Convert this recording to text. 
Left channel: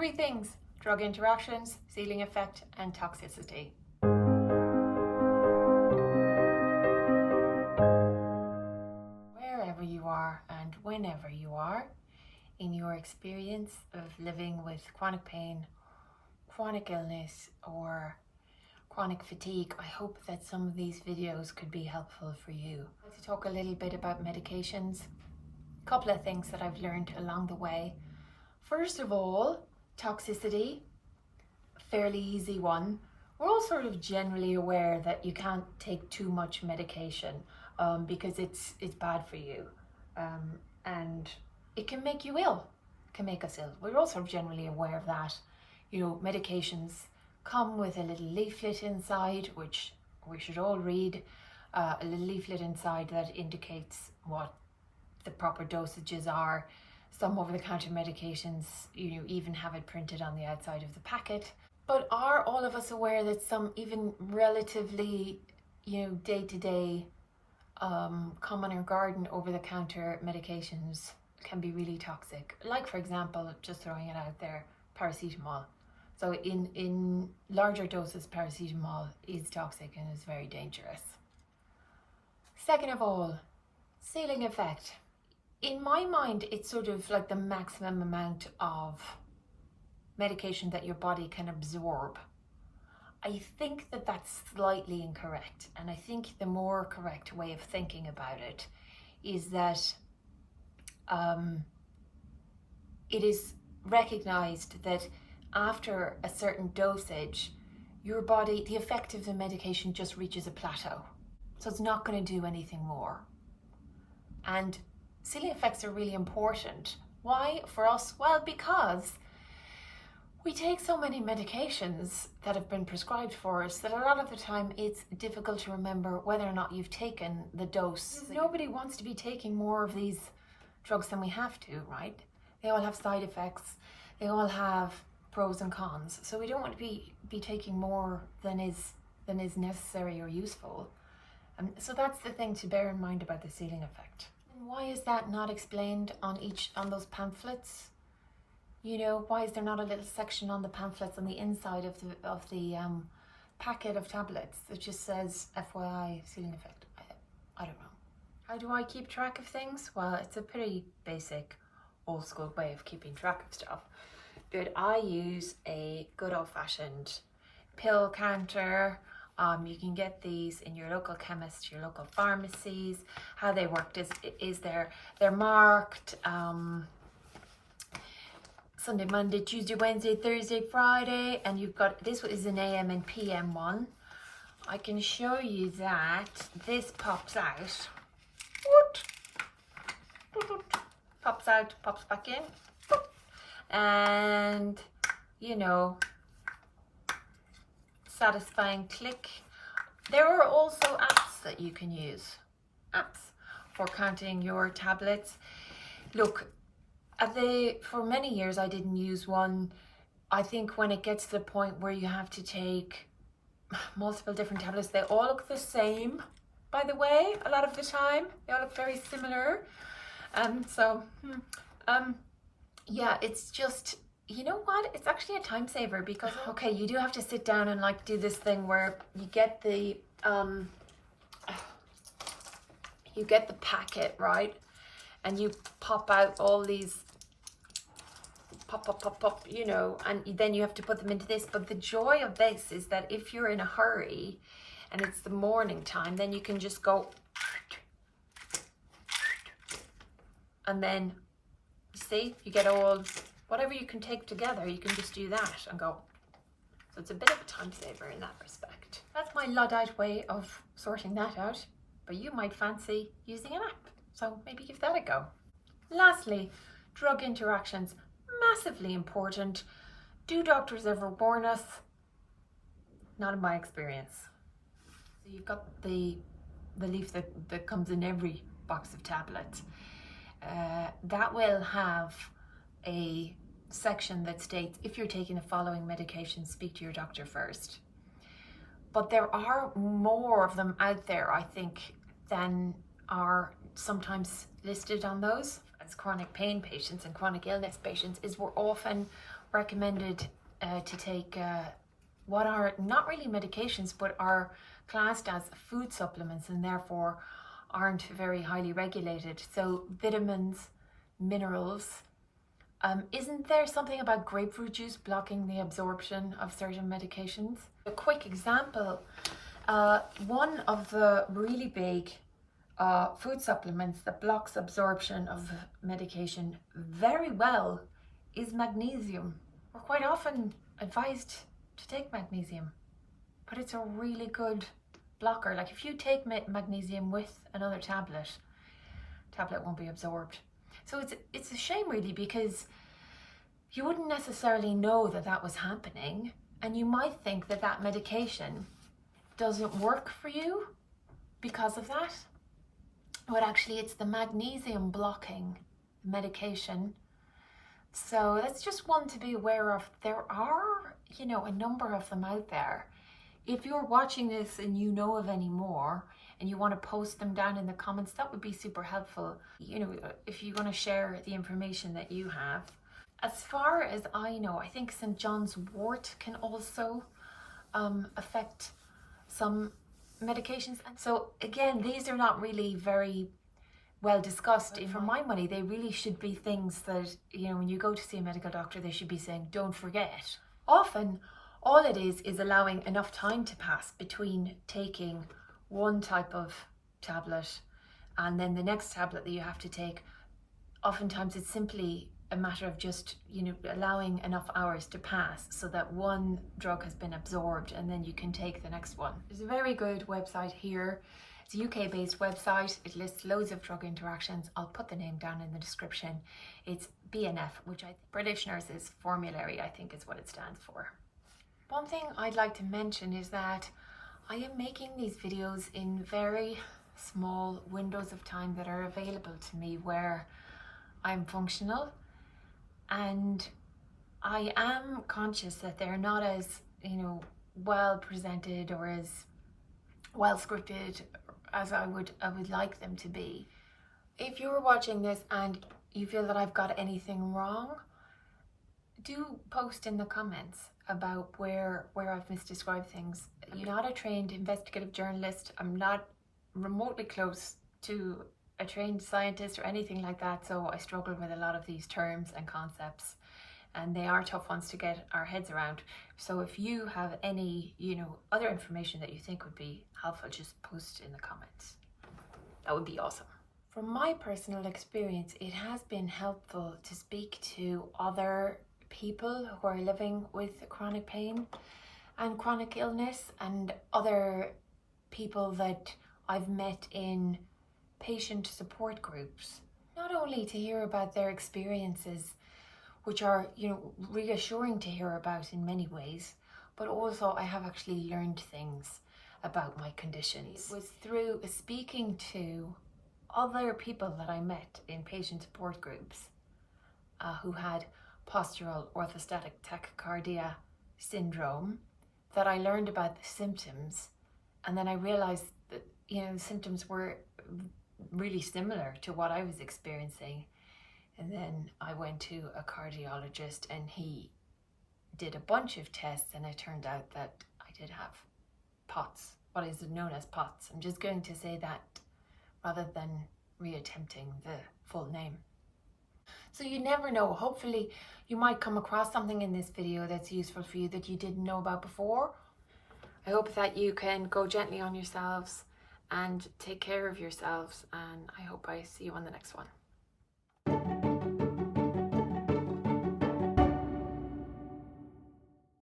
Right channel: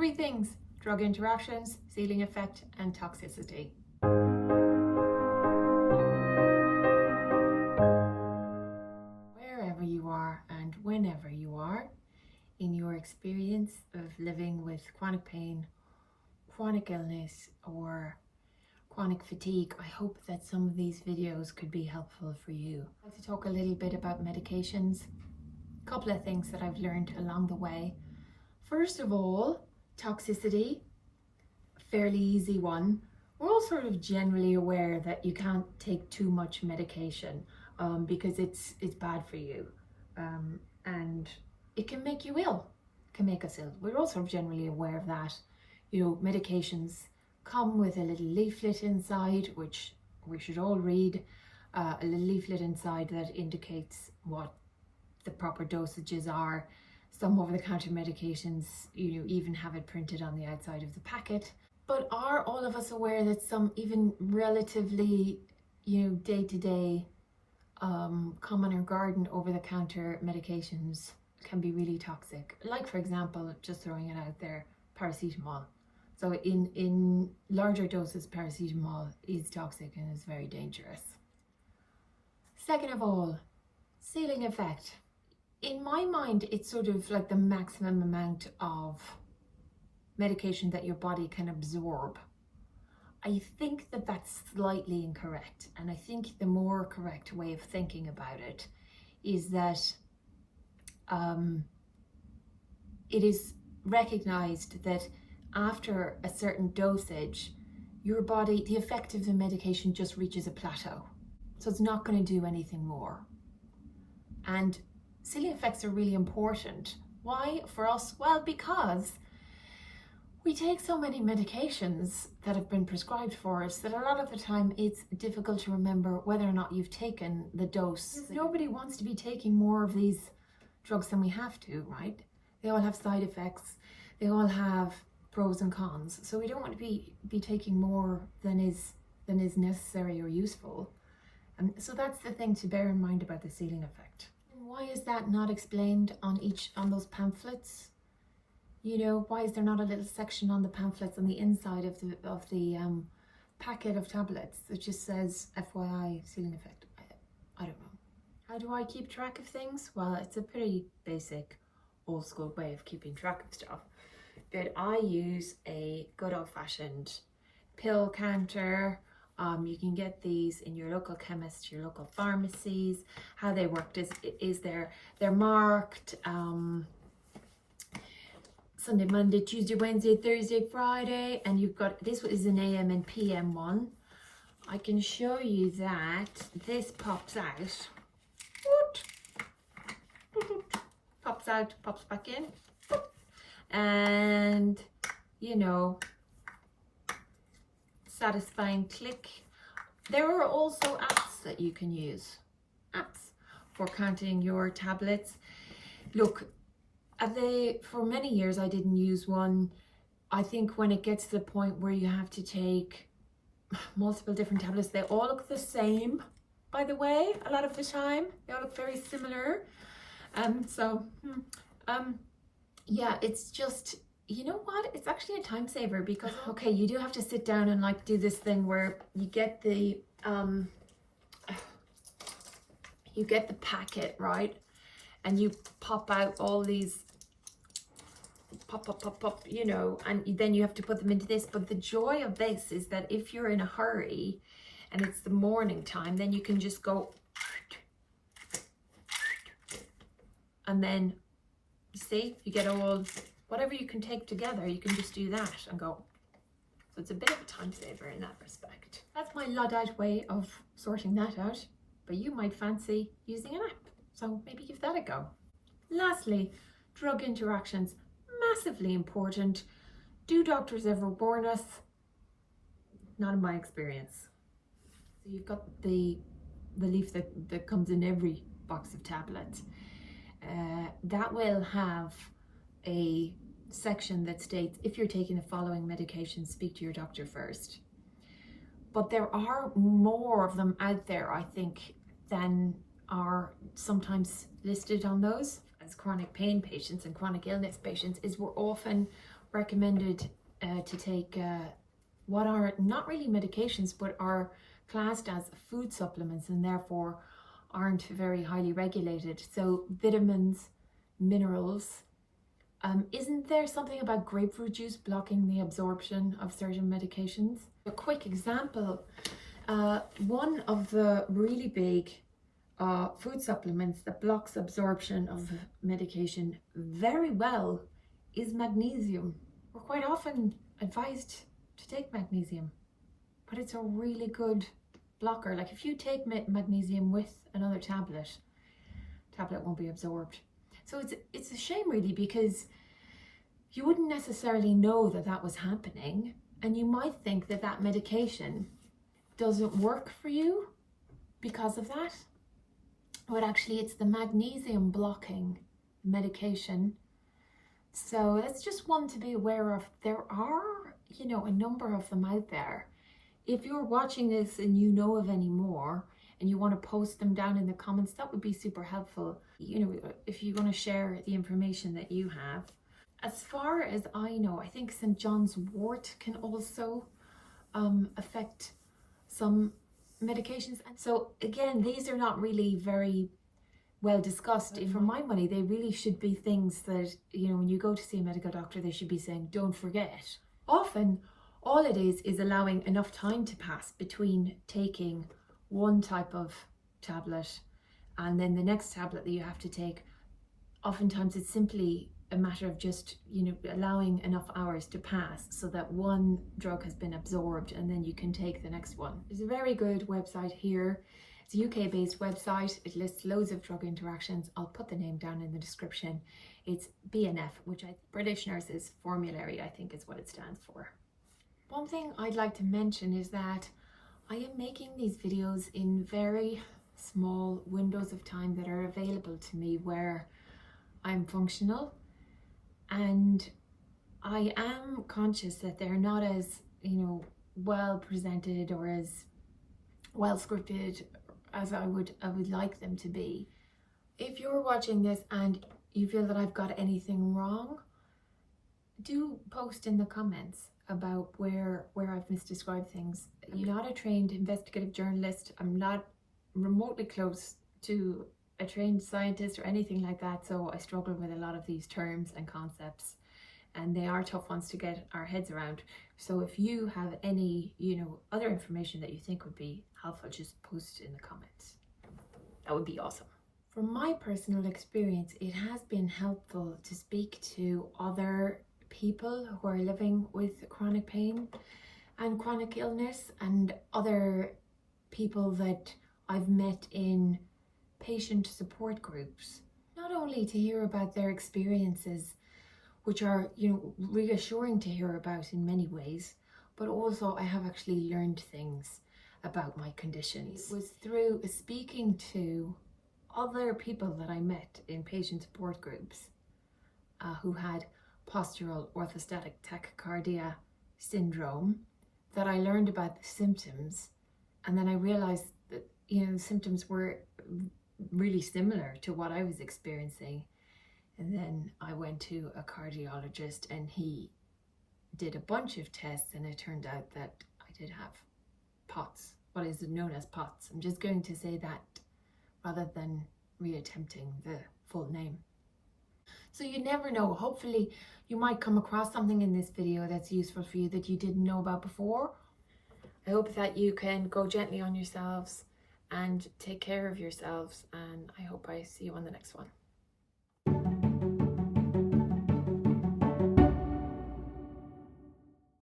Three things: drug interactions, ceiling effect, and toxicity. Wherever you are and whenever you are in your experience of living with chronic pain, chronic illness, or chronic fatigue, I hope that some of these videos could be helpful for you. I'd like to talk a little bit about medications. A couple of things that I've learned along the way. First of all, toxicity, a fairly easy one. We're all sort of generally aware that you can't take too much medication because it's bad for you, and it can make you ill, can make us ill. We're also generally aware of that. You know, medications come with a little leaflet inside, which we should all read, a little leaflet inside that indicates what the proper dosages are. Some over-the-counter medications, you know, even have it printed on the outside of the packet. But are all of us aware that some even relatively, you know, day-to-day, common or garden over-the-counter medications can be really toxic? Like, for example, just throwing it out there, paracetamol. So in larger doses, paracetamol is toxic and is very dangerous. Second of all, ceiling effect. In my mind, it's sort of like the maximum amount of medication that your body can absorb. I think that that's slightly incorrect, and I think the more correct way of thinking about it is that it is recognized that after a certain dosage, your body, the effect of the medication just reaches a plateau. So it's not going to do anything more. And ceiling effects are really important. Why for us? Well, because we take so many medications that have been prescribed for us that a lot of the time it's difficult to remember whether or not you've taken the dose. Nobody wants to be taking more of these drugs than we have to, right? They all have side effects. They all have pros and cons. So we don't want to be taking more than is necessary or useful. And so that's the thing to bear in mind about the ceiling effect. Why is that not explained on those pamphlets? You know, why is there not a little section on the pamphlets on the inside of the packet of tablets that just says FYI ceiling effect? I don't know. How do I keep track of things? Well, it's a pretty basic old school way of keeping track of stuff. But I use a good old-fashioned pill counter. You can get these in your local chemist, your local pharmacies. How they work is they're marked Sunday, Monday, Tuesday, Wednesday, Thursday, Friday, and you've got, this is an AM and PM one. I can show you that this pops out. Pops out, pops back in. And, you know, satisfying click. There are also apps that you can use, apps for counting your tablets. Look, for many years I didn't use one. I think when it gets to the point where you have to take multiple different tablets, they all look the same, by the way, a lot of the time. They all look very similar. Yeah, it's just, you know what? It's actually a time saver because, okay, you do have to sit down and like do this thing where you get the packet, right? And you pop out all these, pop, you know, and then you have to put them into this. But the joy of this is that if you're in a hurry and it's the morning time, then you can just go, and then, you see, you get all, whatever you can take together, you can just do that and go. So it's a bit of a time saver in that respect. That's my Luddite way of sorting that out, but you might fancy using an app. So maybe give that a go. Lastly, drug interactions, massively important. Do doctors ever warn us? Not in my experience. So you've got the leaf that comes in every box of tablets. That will have a section that states, if you're taking the following medication, speak to your doctor first. But there are more of them out there, I think, than are sometimes listed on those. As chronic pain patients and chronic illness patients, is we're often recommended to take what are not really medications but are classed as food supplements and therefore aren't very highly regulated. So vitamins, minerals. Isn't there something about grapefruit juice blocking the absorption of certain medications? A quick example, one of the really big food supplements that blocks absorption of medication very well is magnesium. We're quite often advised to take magnesium, but it's a really good blocker. Like if you take magnesium with another tablet won't be absorbed. So it's a shame really, because you wouldn't necessarily know that that was happening, and you might think that that medication doesn't work for you because of that. But actually it's the magnesium blocking medication. So that's just one to be aware of. There are, you know, a number of them out there. If you're watching this and you know of any more and you want to post them down in the comments, that would be super helpful. You know, if you want to share the information that you have. As far as I know, I think St. John's wort can also affect some medications. And so again, these are not really very well discussed. For my money, they really should be things that, you know, when you go to see a medical doctor, they should be saying, don't forget. Often, all it is allowing enough time to pass between taking one type of tablet and then the next tablet that you have to take. Oftentimes, it's simply a matter of just, you know, allowing enough hours to pass so that one drug has been absorbed and then you can take the next one. There's a very good website here. It's a UK-based website. It lists loads of drug interactions. I'll put the name down in the description. It's BNF, which British Nurses Formulary, I think is what it stands for. One thing I'd like to mention is that I am making these videos in very small windows of time that are available to me where I'm functional, and I am conscious that they're not as, you know, well presented or as well scripted as I would like them to be. If you're watching this and you feel that I've got anything wrong, do post in the comments about where I've misdescribed things. You're not a trained investigative journalist. I'm not remotely close to a trained scientist or anything like that, so I struggle with a lot of these terms and concepts, and they are tough ones to get our heads around. So if you have any, you know, other information that you think would be helpful, just post in the comments. That would be awesome. From my personal experience, it has been helpful to speak to other people who are living with chronic pain and chronic illness, and other people that I've met in patient support groups, not only to hear about their experiences, which are, you know, reassuring to hear about in many ways, but also I have actually learned things about my conditions. It was through speaking to other people that I met in patient support groups who had postural orthostatic tachycardia syndrome that I learned about the symptoms, and then I realized that, you know, the symptoms were really similar to what I was experiencing. And then I went to a cardiologist and he did a bunch of tests, and it turned out that I did have POTS, what is known as POTS. I'm just going to say that rather than reattempting the full name. So you never know, hopefully you might come across something in this video that's useful for you that you didn't know about before. I hope that you can go gently on yourselves and take care of yourselves, and I hope I see you on the next one.